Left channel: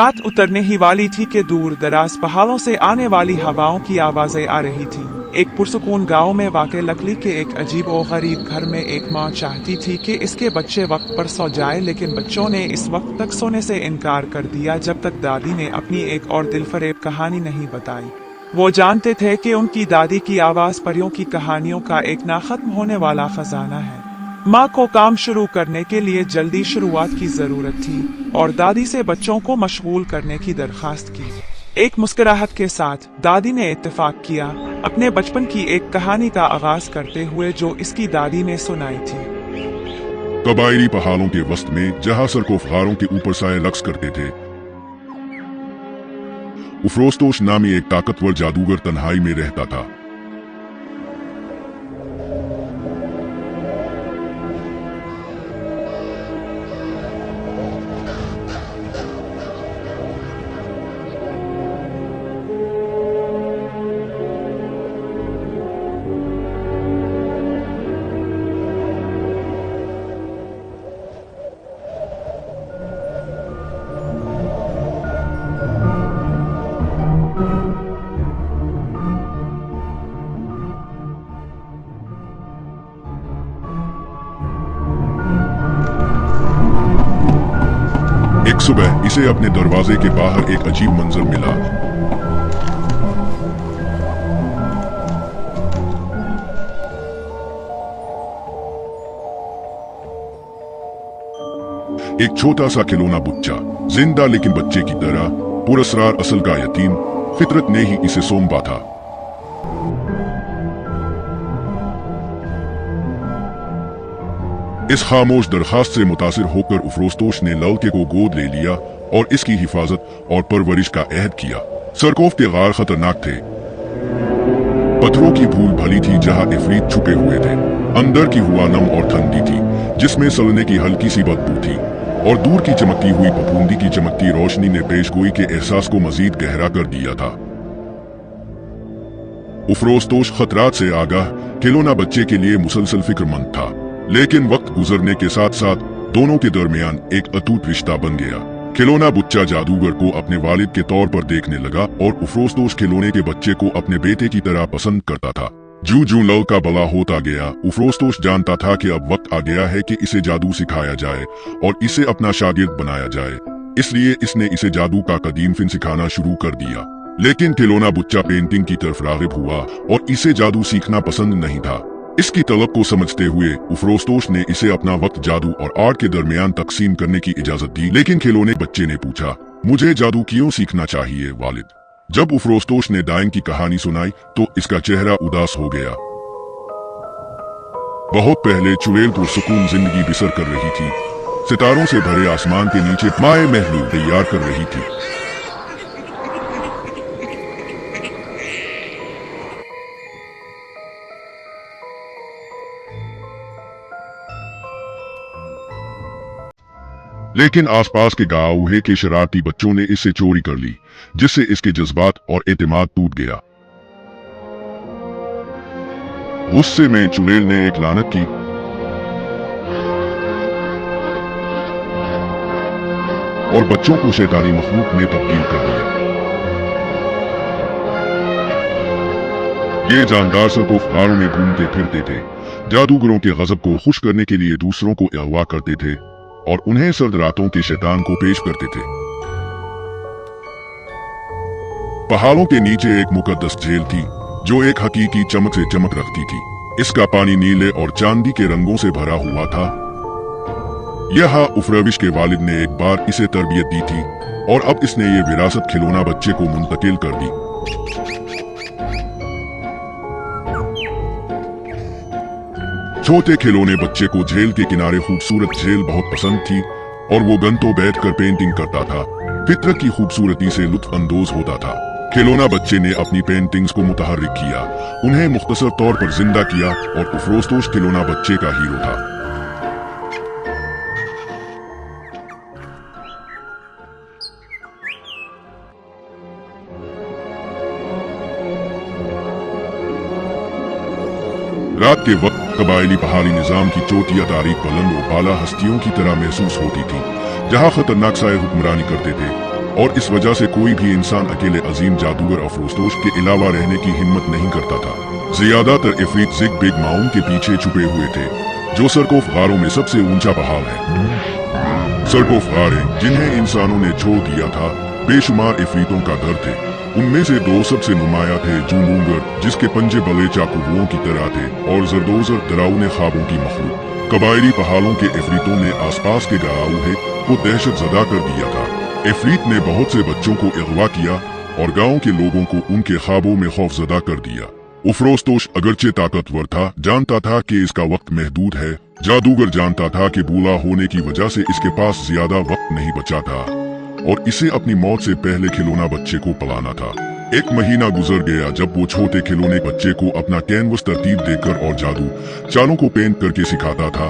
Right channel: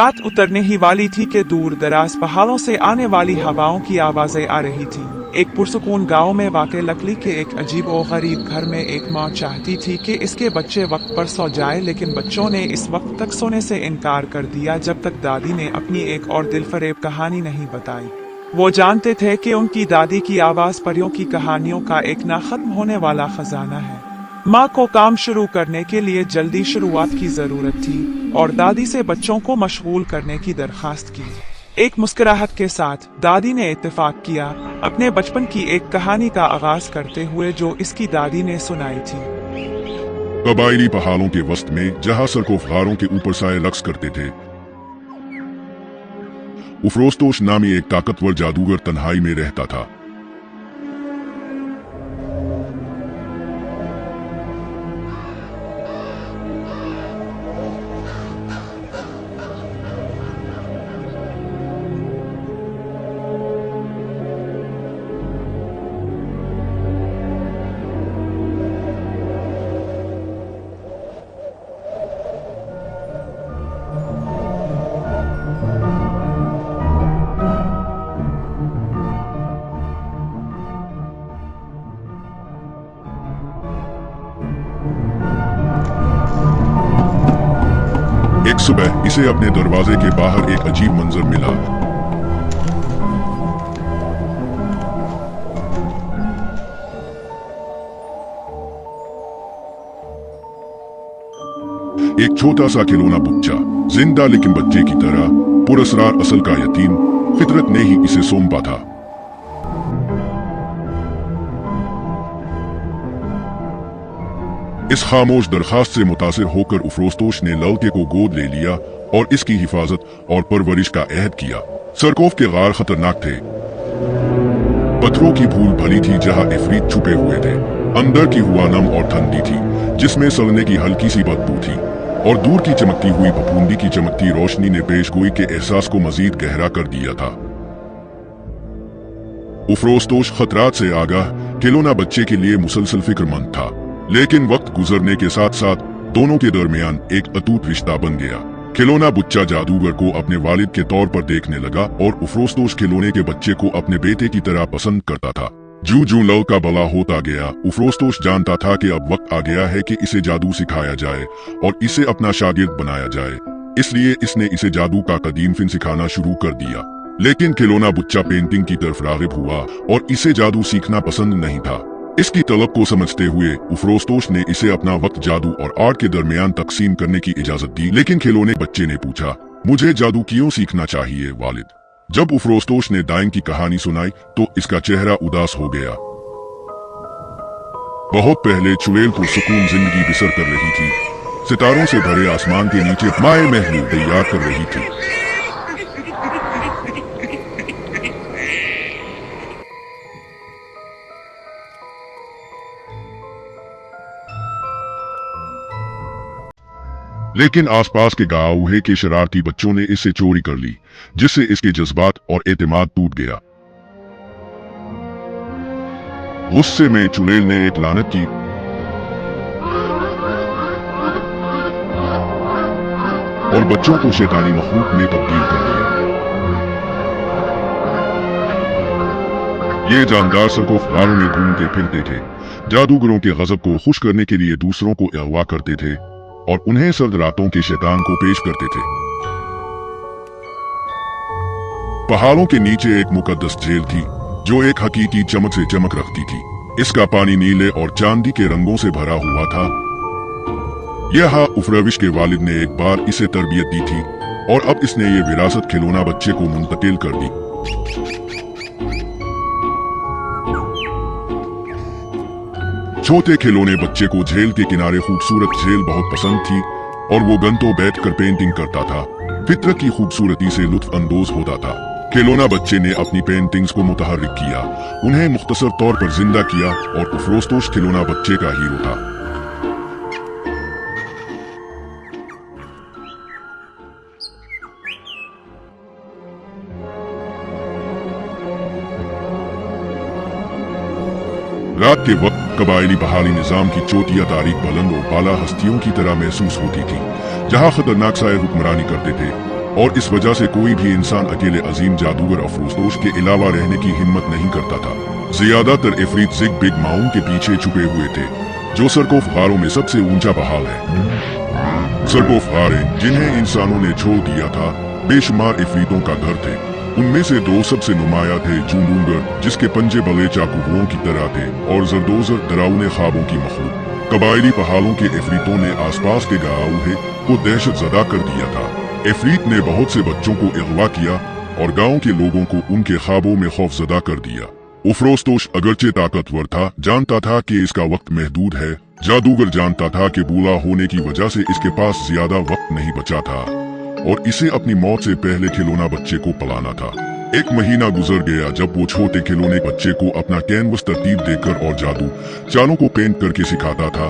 रात उतरने ही वाली थी कि दूर दराज पहाड़ों से आने वाली हवाओं की आवाजें आ रही थी। एक पुरसकून गांव में वाक़े लकड़ी के एक अजीब और गरीब घर में एक माँ चाहती थी कि इसके बच्चे वक्त पर सो जाए, लेकिन बच्चों ने इस वक्त तक सोने से इनकार कर दिया जब तक दादी ने अपनी एक और दिलफरेब कहानी नहीं बताई। वो जानते थे कि उनकी दादी की आवाज परियों की कहानियों का एक ना खत्म होने वाला खजाना है। माँ को काम शुरू करने के लिए जल्दी शुरुआत की जरूरत थी और दादी से बच्चों को मशगूल करने की दरखास्त की। एक मुस्कुराहट के साथ दादी ने इत्तेफाक किया, अपने बचपन की एक कहानी का आगाज करते हुए जो इसकी दादी ने सुनाई थी। कबायली पहाड़ों के वस्त में जहाँ सरकोफहारों के ऊपर साए रक्स करते थे, उफ्रोस्तोश नामी एक ताकतवर जादूगर तन्हाई में रहता था। एक सुबह इसे अपने दरवाजे के बाहर एक अजीब मंजर मिला। एक छोटा सा खिलौना बच्चा, जिंदा लेकिन बच्चे की तरह, पुरस्कार असल का यतीम, फितरत ने ही इसे सौंपा था। इस खामोश दरखास्त से मुतासिर होकर उफ्रोस्तोश ने लड़के को गोद ले लिया और इसकी हिफाजत और परवरिश का ऐहद किया। सरकोफ के गार खतरनाक थे, पत्थरों की भूल भली थी जहां इफरीत छुपे हुए थे। अंदर की हवा नम और ठंडी थी जिसमें सड़ने की हल्की सी बदबू थी, और दूर की चमकती हुई फफूंदी की चमकती रोशनी ने पेशगोई के एहसास को मजीद गहरा कर दिया था। उफ्रोस्तोश खतरात से आगाह खिलौना बच्चे के लिए मुसलसल फिक्रमंद था, लेकिन वक्त गुजरने के साथ साथ दोनों के दरमियान एक अटूट रिश्ता बन गया। खिलौना बच्चा जादूगर को अपने वालिद के तौर पर देखने लगा और उफ्रोस्तोश खिलौने के बच्चे को अपने बेटे की तरह पसंद करता था। जूं जूं लड़का बड़ा होता गया, उफ्रोस्तोश जानता था कि अब वक्त आ गया है कि इसे जादू सिखाया जाए और इसे अपना शागिर्द बनाया जाए। इसलिए इसने इसे जादू का कदीम फिन सिखाना शुरू कर दिया। लेकिन खिलौना बच्चा पेंटिंग की तरफ राग़िब हुआ और इसे जादू सीखना पसंद नहीं था। इसकी तलब को समझते हुए उफ्रोस्तोश ने इसे अपना वक्त जादू और आर्ट के दरमियान तकसीम करने की इजाजत दी। लेकिन खिलौने बच्चे ने पूछा, मुझे जादू क्यों सीखना चाहिए वालिद? जब उफ्रोस्तोश ने दाइन की कहानी सुनाई तो इसका चेहरा उदास हो गया। बहुत पहले चुड़ैल को सुकून जिंदगी बसर कर रही थी, सितारों से भरे आसमान के नीचे माए महल तैयार कर रही थी। लेकिन आसपास के गांव के शरारती बच्चों ने इससे चोरी कर ली, जिससे इसके जज्बात और एतमाद टूट गया। गुस्से में चुड़ैल ने एक लानत की और बच्चों को शैतानी मखलूक में तब्दील कर दिया। ये जानदार सरकोफ गारों में घूमते फिरते थे, जादूगरों के गजब को खुश करने के लिए दूसरों को अगवा करते थे और उन्हें सर्द रातों के शैतान को पेश करते थे। पहाड़ों के नीचे एक मुकद्दस झील थी जो एक हकीकी चमक से चमक रखती थी। इसका पानी नीले और चांदी के रंगों से भरा हुआ था। यहाँ उफ्रविश के वालिद ने एक बार इसे तरबियत दी थी और अब इसने ये विरासत खिलौना बच्चे को मुंतकिल कर दी। छोटे खिलौने बच्चे को झील के किनारे खूबसूरत झील बहुत पसंद थी और वो गंतों बैठकर पेंटिंग करता था, फितरत की खूबसूरती से लुत्फ अंदोज होता था। खिलौना बच्चे ने अपनी पेंटिंग्स को मुतहर्रिक किया, उन्हें मुख्तसर तौर पर जिंदा किया और उफ्रोस्तोश खिलौना बच्चे का हीरो था। रात के वक्त कबायली पहाड़ी निजाम की चोटियां तारीख बुलंद और आला हस्तियों की तरह महसूस होती थी, जहां खतरनाक साए हुक्मरानी करते थे। और इस वजह से कोई भी इंसान अकेले अजीम जादूगर अफरोजदोश के अलावा रहने की हिम्मत नहीं करता था। ज्यादातर इफरीत जिग बिग माउन के पीछे छुपे हुए थे, जो सरकोफ गारों में सबसे ऊंचा पहाड़ है। सरकोफ गारें जिन्हें इंसानों ने छोड़ दिया था, बेशुमार इफरीतों का घर थे। उनमें से दो सबसे नुमाया थे, जूनूगर जिसके पंजे बड़े चाकूओं की तरह थे, और जरदोजर डरावने ख्वाबों की मखलूक। कबायली पहाड़ों के इफरीतों ने आसपास के गाँव को दहशत ज़दा कर दिया था। इफरीत ने बहुत से बच्चों को अगवा किया और गांव के लोगों को उनके ख्वाबों में खौफजदा कर दिया। अफरोजदोश अगरचे ताकतवर था, जानता था कि इसका वक्त महदूद है। जादूगर जानता था कि बूढ़ा होने की वजह से इसके पास ज्यादा वक्त नहीं बचा था और इसे अपनी मौत से पहले खिलौना बच्चे को पलाना था। एक महीना गुजर गया जब वो छोटे खिलौने बच्चे को अपना कैनवस तरतीब देकर और जादू चालों को पेंट करके सिखाता था।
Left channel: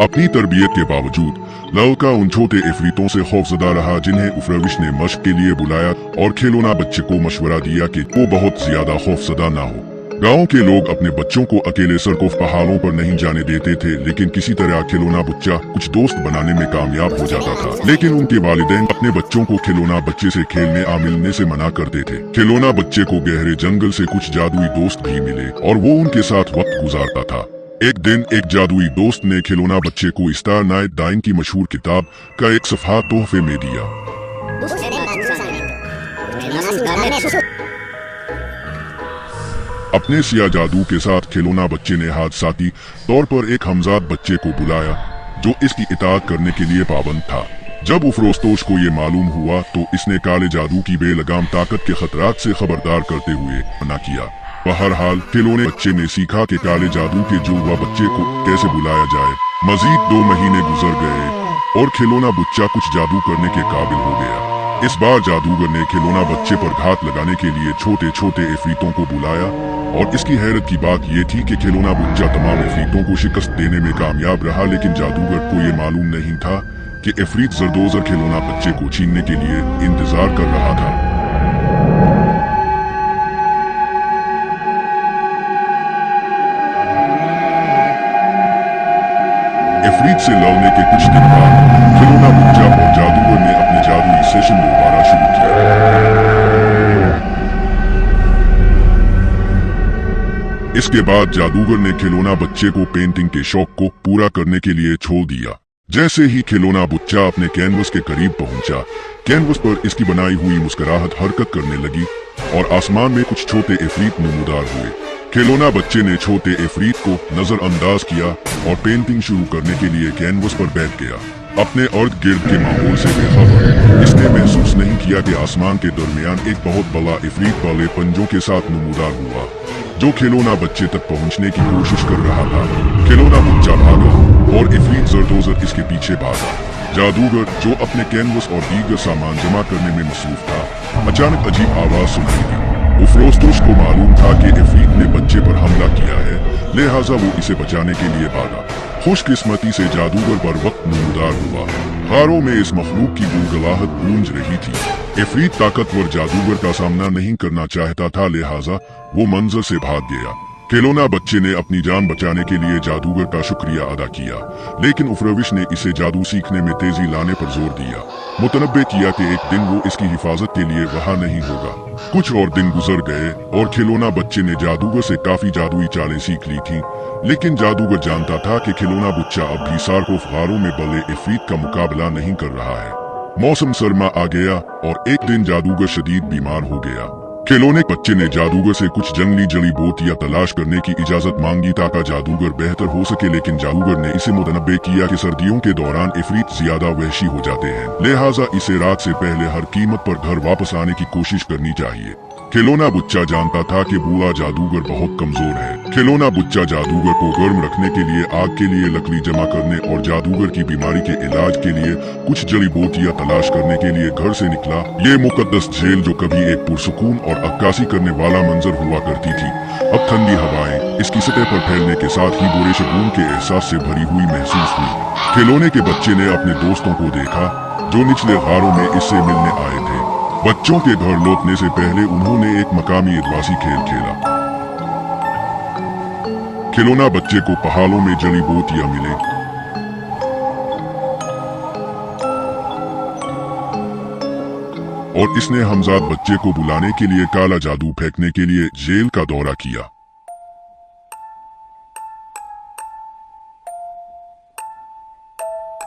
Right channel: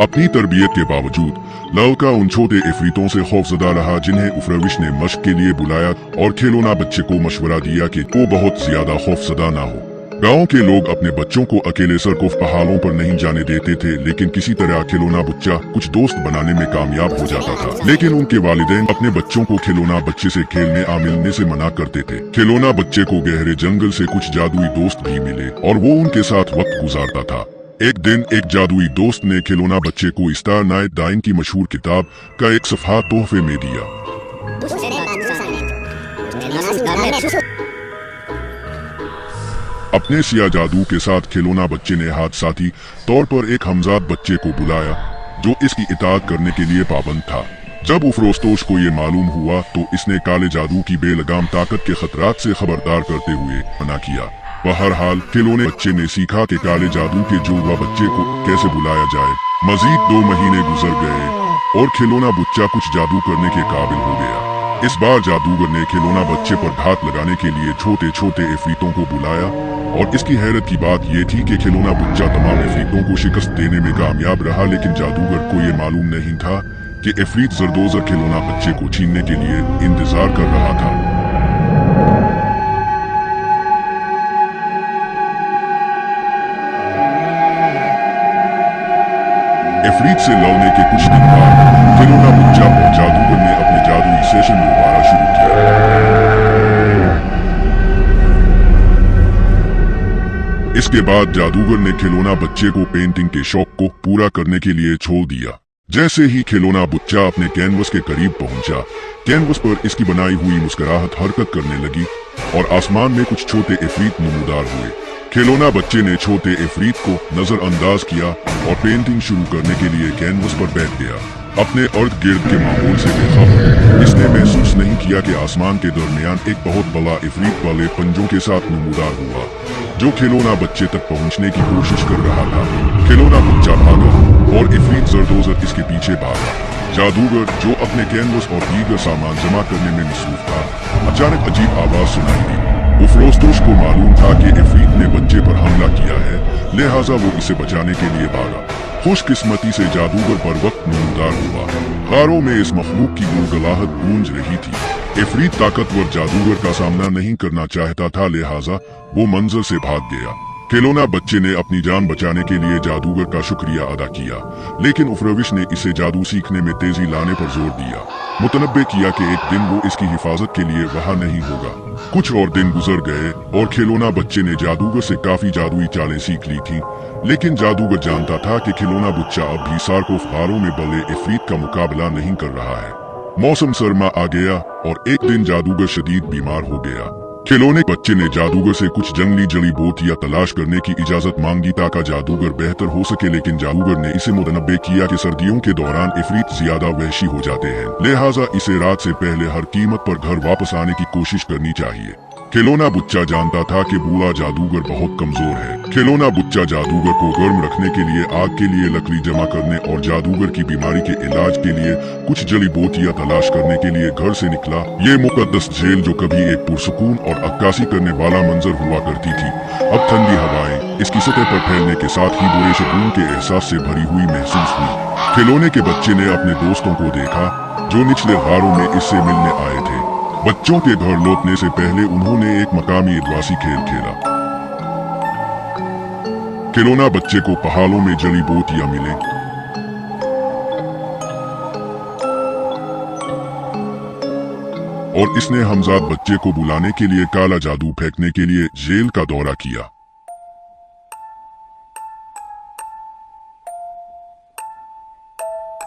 अपनी तरबियत के बावजूद लालका उन छोटे इफरीतों से खौफजदा रहा, जिन्हें उफरविश ने मश्क के लिए बुलाया और खिलौना बच्चे को मशवरा दिया कि तू बहुत ज्यादा खौफजदा ना हो। गांव के लोग अपने बच्चों को अकेले सरकोफ पहाड़ों पर नहीं जाने देते थे, लेकिन किसी तरह खिलौना बच्चा कुछ दोस्त बनाने में कामयाब हो जाता था। लेकिन उनके वालिदैन अपने बच्चों को खिलौना बच्चे से खेलने मिलने से मना करते थे। खिलौना बच्चे को गहरे जंगल से कुछ जादुई दोस्त भी मिले और वो उनके साथ वक्त गुजारता था। एक दिन एक जादुई दोस्त ने खिलौना बच्चे को स्टार नाइट डाइन की मशहूर किताब का एक सफ़ा तोहफे में दिया। अपने सिया जादू के साथ खिलौना बच्चे ने हादसाती तौर पर एक हमजाद बच्चे को बुलाया जो इसकी इताअत करने के लिए पाबंद था। जब अफरोजदोश को ये मालूम हुआ तो इसने काले जादू की बेलगाम ताकत के खतरात से खबरदार करते हुए मना किया। बहरहाल खिलौने बच्चे ने सीखा कि काले जादू के जुड़वा बच्चे को कैसे बुलाया जाए। मजीद 2 महीने गुजर गए और खिलौना बच्चा कुछ जादू करने के काबिल हो गया। इस बार जादूगर ने खिलौना बच्चे पर घात लगाने के लिए छोटे छोटे इफरीतों को बुलाया और इसकी हैरत की बात यह थी कि खिलौना बच्चा तमाम इफरीतों को शिकस्त देने में कामयाब रहा, लेकिन जादूगर को यह मालूम नहीं था कि इफरीत जरदोजर खिलौना बच्चे को छीनने के लिए इंतजार कर रहा था। इफरीत से लड़ने के कुछ दिन बाद खिलौना बच्चा और जादूगर ने अपने जादुई सेशन दोबारा शुरू किया। इसके बाद जादूगर ने खिलौना बच्चे को पेंटिंग के शौक को पूरा करने के लिए छोड़ दिया। जैसे ही खिलौना बच्चा अपने कैनवस के करीब पहुंचा, कैनवस पर इसकी बनाई हुई मुस्कुराहट हरकत करने लगी और आसमान में कुछ छोटे इफरीत नमूदार हुए। खिलौना बच्चे ने छोटे इफरीत को नजरअंदाज किया और पेंटिंग शुरू करने के लिए कैनवस पर बैठ गया। अपने अर्द गिर्द के माहौल से बेखबर इसने महसूस नहीं किया कि आसमान के दरमियान एक बहुत बड़ा इफरीत वाले पंजों के साथ नमूदार हुआ जो खिलौना बच्चे तक पहुंचने की कोशिश कर रहा था। खिलौना बच्चा भागा और इफरीत जरदोजर इसके पीछे भागा। जादूगर जो अपने कैनवस और दीगर सामान जमा करने में मसरूफ था, अचानक अजीब आवाज सुनाई दी। अफरोजदोश को मालूम था कि इफरीत ने बच्चे पर हमला किया है, लिहाजा वो इसे बचाने के लिए भागा। खुशकिस्मती से जादूगर पर वक्त नमूदार हुआ। हारों में इस मखलूक की गुलगुलाहट गूंज रही थी। इफरीत ताकतवर जादूगर का सामना नहीं करना चाहता था, लिहाजा वो मंजर से भाग गया। खिलौना बच्चे ने अपनी जान बचाने के लिए जादूगर का शुक्रिया अदा किया, लेकिन उफरविश ने इसे जादू सीखने में तेजी लाने पर जोर दिया। मुतनब्बे किया कि एक दिन वो इसकी हिफाजत के लिए वहाँ नहीं होगा। कुछ और दिन गुजर गए और खिलौना बच्चे ने जादूगर से काफी जादुई चालें सीख ली थी, लेकिन जादूगर जानता था कि खिलौना बच्चा अब भी सारकोफ गारों में पले इफरीत का मुकाबला नहीं कर रहा है। मौसम सरमा आ गया और एक दिन जादूगर शदीद बीमार हो गया। खिलौने बच्चे ने जादूगर से कुछ जंगली जड़ी बूटियां तलाश करने की इजाजत मांगी ताकि जादूगर बेहतर हो सके, लेकिन जादूगर ने इसे मुतनब्बे किया कि सर्दियों के दौरान इफरीत ज्यादा वहशी हो जाते हैं, लिहाजा इसे रात से पहले हर कीमत पर घर वापस आने की कोशिश करनी चाहिए। खिलौना बच्चा जानता था कि बूढ़ा जादूगर बहुत कमजोर है। खिलौना बच्चा जादूगर को गर्म रखने के लिए आग के लिए लकड़ी जमा करने और जादूगर की बीमारी के इलाज के लिए कुछ जड़ी बूटियां तलाश करने के लिए घर से निकला। ये मुकद्दस झील जो कभी एक पुरसुकून और अक्कासी करने वाला मंजर हुआ करती थी, अब ठंडी हवाएं इसकी सतह पर फैलने के साथ ही बुरे सुकून के एहसास से भरी हुई महसूस हुई। खिलौने के बच्चे ने अपने दोस्तों को देखा जो निचले गारों में इससे मिलने आए थे। बच्चों के घर लौटने से पहले उन्होंने एक मकामी आदिवासी खेल खेला। खिलौना बच्चे को पहाड़ों में जड़ी बूटियां मिले। और इसने हमजाद बच्चे को बुलाने के लिए काला जादू फेंकने के लिए जेल का दौरा किया।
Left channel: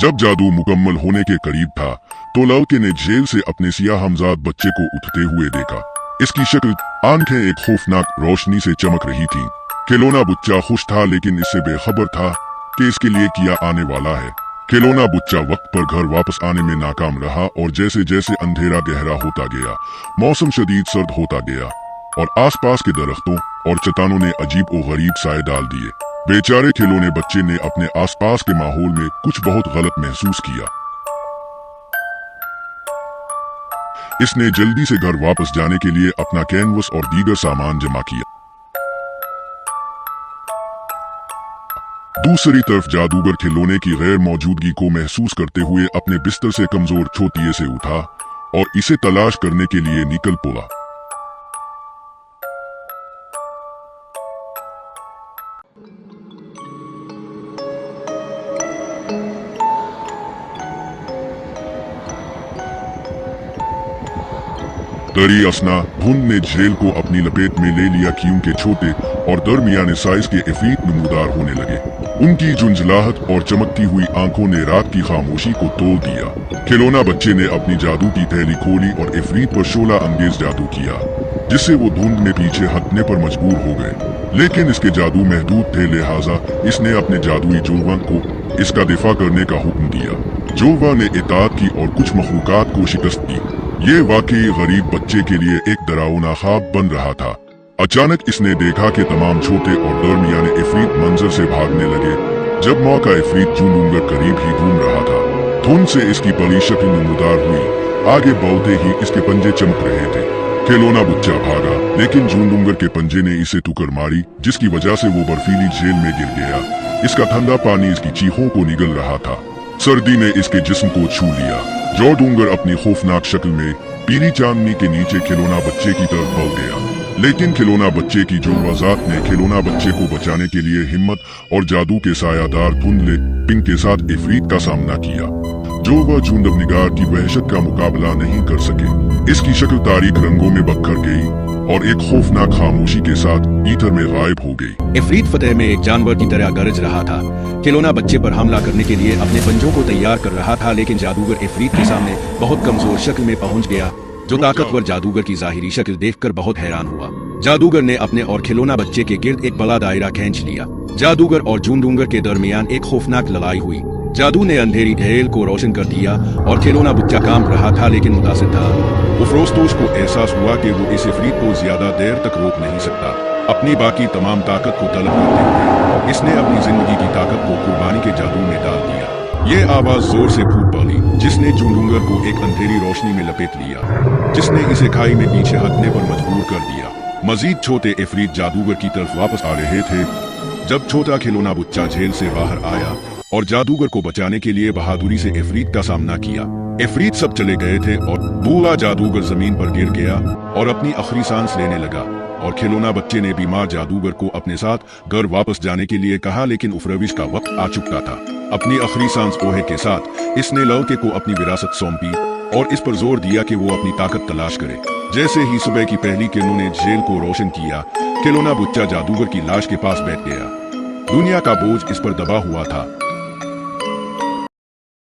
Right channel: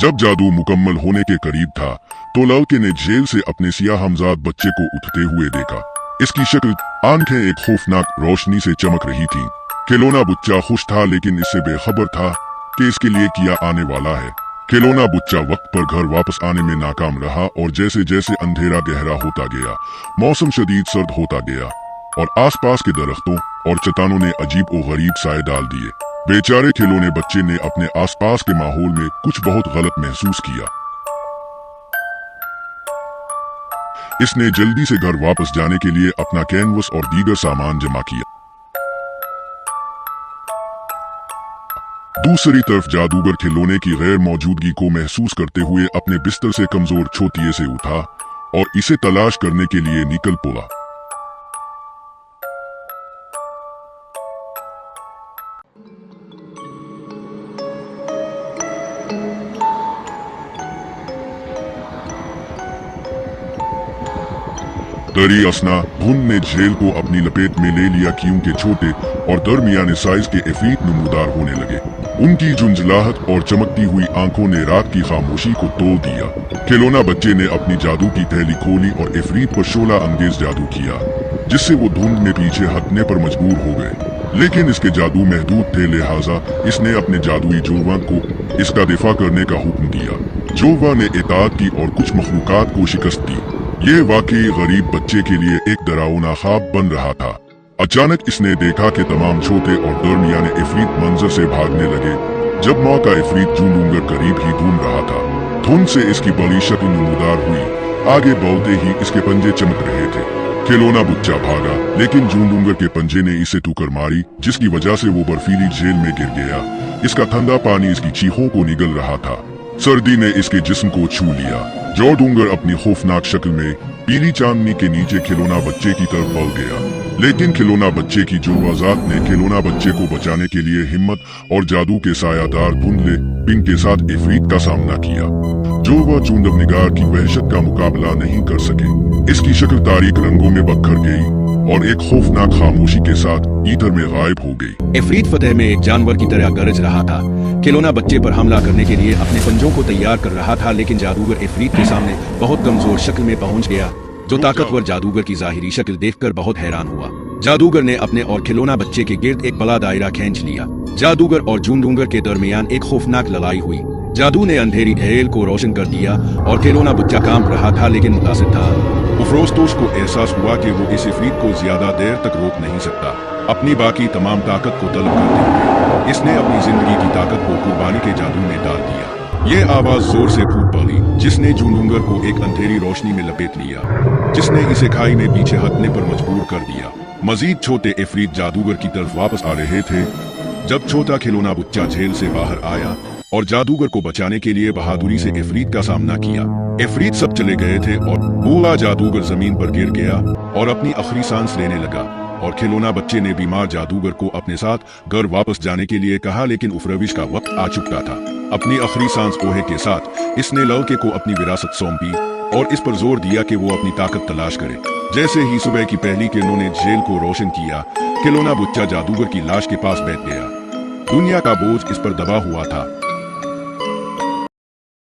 जब जादू मुकम्मल होने के करीब था तो लड़के ने जेल से अपने सियाह हमजाद बच्चे को उठते हुए देखा। इसकी शक्ल, आंखें एक खौफनाक रोशनी से चमक रही थी। खिलौना बच्चा खुश था लेकिन इससे बेखबर था कि इसके लिए किया आने वाला है। खिलौना बच्चा वक्त पर घर वापस आने में नाकाम रहा और जैसे जैसे अंधेरा गहरा होता गया, मौसम शदीद सर्द होता गया और आसपास के दरख्तों और चट्टानों ने अजीब और गरीब साए डाल दिए। बेचारे खिलौने बच्चे ने अपने आसपास के माहौल में कुछ बहुत गलत महसूस किया। इसने जल्दी से घर वापस जाने के लिए अपना कैनवस और दीगर सामान जमा किया। दूसरी तरफ जादूगर खिलौने की गैर मौजूदगी को महसूस करते हुए अपने बिस्तर से कमजोर छोटिये से उठा और इसे तलाश करने के लिए निकल पड़ा। दरी असना धुंध ने झेल को अपनी लपेट में ले लिया क्योंकि छोटे और दरमियाने साइज के इफरीत नमूदार होने लगे। उनकी झुंझलाहट और चमकती हुई आंखों ने रात की खामोशी को तोड़ दिया। खिलौना बच्चे ने अपनी जादू की थैली खोली और इफरीत पर शोला अंगेज जादू किया, जिससे वो धुंध में पीछे हटने पर मजबूर हो गए। लेकिन इसके जादू महदूद थे, लिहाजा इसने अपने जादुई जोवा को इसका दिफा करने का हुक्म दिया। जोवा ने इताअत की और कुछ मखलूकात को शिकस्त दी। ये वाकई गरीब बच्चे के लिए एक डरावना ख्वाब बन रहा था। अचानक इसने देखा कि तमाम छोटे और दरमियाने इफरीत मंजर से भागने लगे। जब माँ का इफरीत जूनूंगर करीब ही घूम रहा था, धुंध से इसकी बड़ी शक्ल नमूदार हुई। आगे बढ़ते ही इसके पंजे चमक रहे थे। खिलौना बच्चा भागा, लेकिन जूनूंगर के पंजे ने इसे ठुकर मारी, जिसकी वजह से वो बर्फीली जेल में गिर गया। इसका ठंडा पानी इसकी चीखों को निगल रहा था। सर्दी ने इसके जिस्म को छू लिया। जूनूंगर अपनी खौफनाक शक्ल में पीली चांदनी के नीचे खिलौना बच्चे की तरफ बढ़ गया। लेकिन खिलौना बच्चे की जुर्माजात ने खिलौना बच्चे को बचाने के लिए हिम्मत और जादू के सायादार धुंधले पिंग के साथ इफरीत का सामना किया, जो वह चुंदर निगाह की वहशत का मुकाबला नहीं कर सके। इसकी शक्ल तारीक रंगों में बखर गई और एक खौफनाक खामोशी के साथ ईथर में गायब हो गई। इफरीत फतेह में एक जानवर की तरह गरज रहा था। खिलौना बच्चे पर हमला करने के लिए अपने पंजों को तैयार कर रहा था, लेकिन जादूगर इफरीत के सामने बहुत कमजोर शक्ल में पहुंच गया, जो ताकतवर जादूगर की जाहिरी शक्ल देखकर बहुत हैरान हुआ। जादूगर ने अपने और खिलौना बच्चे के गिर्द एक बड़ा दायरा खींच लिया। जादूगर और जूनूंगर के दरमियान एक खौफनाक लड़ाई हुई। जादू ने अंधेरी झील को रोशन कर दिया और खिलौना बच्चा कांप रहा था लेकिन मुतासिर था। उफरोजदोश को एहसास हुआ कि वो इस इफरीत को ज्यादा देर तक रोक नहीं सकता। अपनी बाकी तमाम ताकत को तलब करते हुए इसने अपनी जिंदगी की ताकत को कुर्बानी के जादू में डाल दिया। ये आवाज जोर से फूट पड़ी, जिसने जूनूंगर को एक अंधेरी रोशनी में लपेट लिया, जिसने इसे खाई में पीछे हटने पर मजबूर कर दिया। मजीद छोटे इफरीत जादूगर की तरफ वापस आ रहे थे जब छोटा खिलौना बच्चा जेल से बाहर आया और जादूगर को बचाने के लिए बहादुरी से इफरीत का सामना किया। इफरीत सब चले गए थे और बूढ़ा जादूगर जमीन पर गिर गया और अपनी आखिरी सांस लेने लगा। और खिलौना बच्चे ने बीमार जादूगर को अपने साथ घर वापस जाने के लिए कहा, लेकिन उस रविश का वक्त आ चुका था। अपनी आखिरी सांस बूहे के साथ इसने लड़के को अपनी विरासत सौंपी और इस पर जोर दिया कि वो अपनी ताकत तलाश करे। जैसे ही सुबह की पहली किरणों ने जेल को रोशन किया, खिलौना बच्चा जादूगर की लाश के पास बैठ गया। दुनिया का बोझ इस पर दबा हुआ था